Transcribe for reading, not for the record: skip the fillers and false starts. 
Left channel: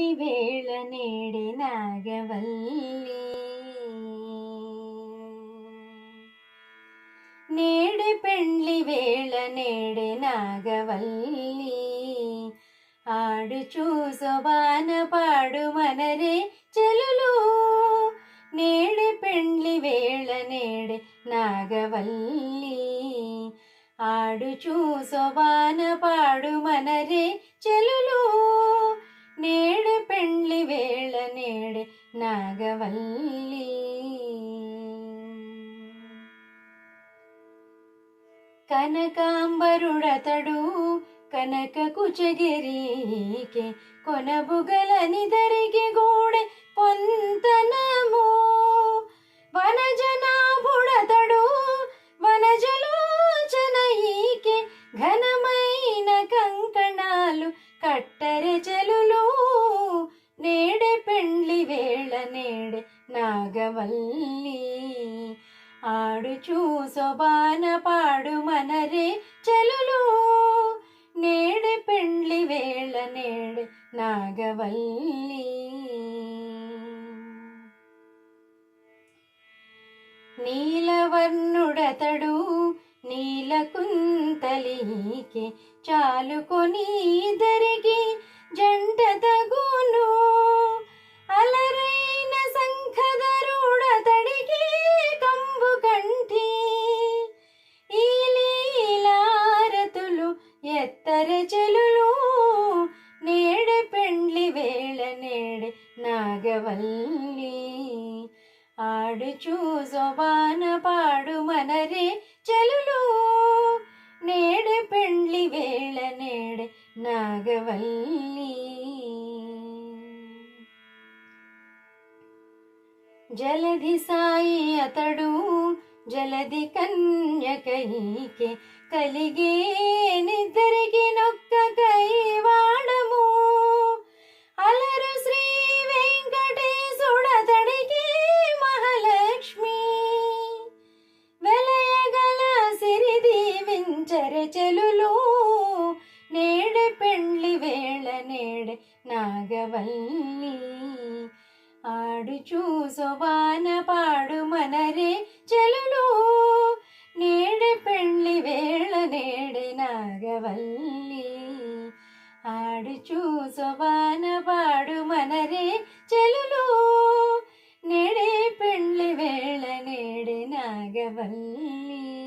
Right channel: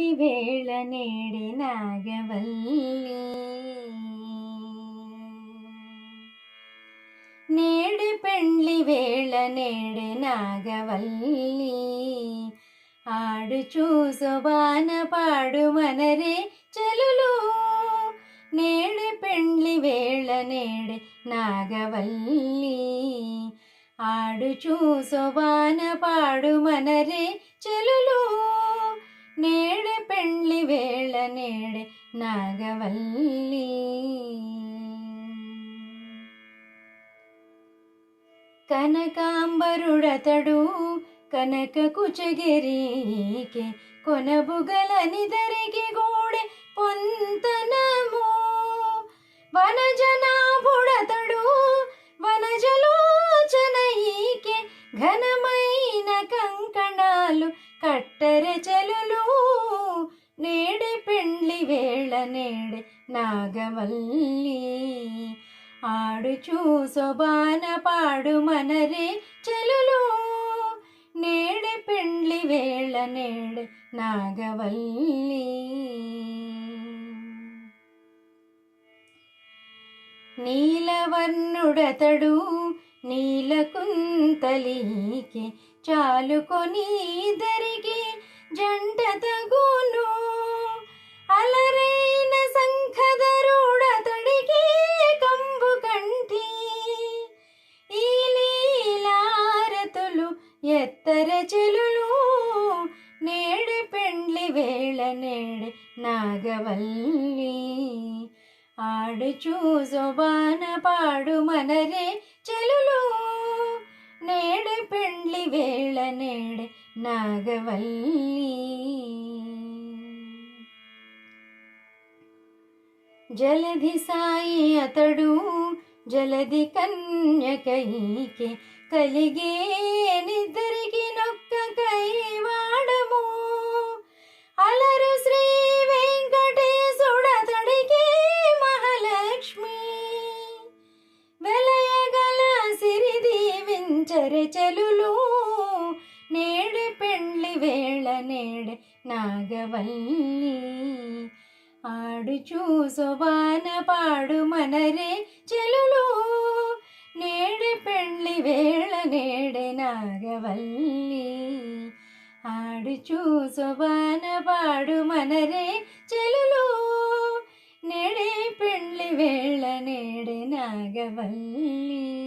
పెండ్లి వేళ నేడి నాగవల్లి నేడి పెండ్లి వేళ నేడి నాగవల్లి ఆడుచూ శోభాన పాడు మనరే చెలులు నేడి పెండ్లి వేళ నేడి నాగవల్లి ఆడుచూ శోభాన పాడు మనరే చెలులు నేడి పెండ్లి వేళ నేడి నాగవల్లి కనకాంబరుడతడు కనక కుచగిరికి కొనబుగలనిదరికి గూడె పొంతనము వనజనాభుడతడు వనజలోచనయికి ఘనమైన కంకణాలు కట్టర చెలులు నేడి పెండ్లి వేళ నేడి నాగవల్లి ఆడుచూ శోభాన పాడు మనరే చెలులు నేడి పెండ్లి వేళ నేడి నాగవల్లి నీలవర్ణుడతడు నీలకుంతలికి చాలుకొని ఇద్దరికి జంట తగును అలరైన శంఖధరుడతడికి కంబు కంఠి ఈ లీలారతులు ఎత్తర చెలులు నేడి పెండ్లి వేళ నేడి నాగవల్లి ఆడుచూ శోభాన పాడు మనరే చెలులు నేడి పెండ్లి వేళ నేడి నాగవల్లి జలధి సాయి అతడు జలధి కన్యకైకి కలిగే నిద్దరికి నొక్క కైవాడము అలరు శ్రీ వెంకటేశుడతడికి మహాలక్ష్మి వెలయగల సిరి దీవించర చెలులు నేడి పెండ్లి వేళ నేడి నాగవల్లి ఆడుచూ శోభాన పాడు మనరే చెలులు నేడి పెండ్లి వేళ నేడి నాగవల్లి ఆడుచూ శోభాన పాడు మనరే చెలులు నేడి పెండ్లి వేళ నేడి నాగవల్లి.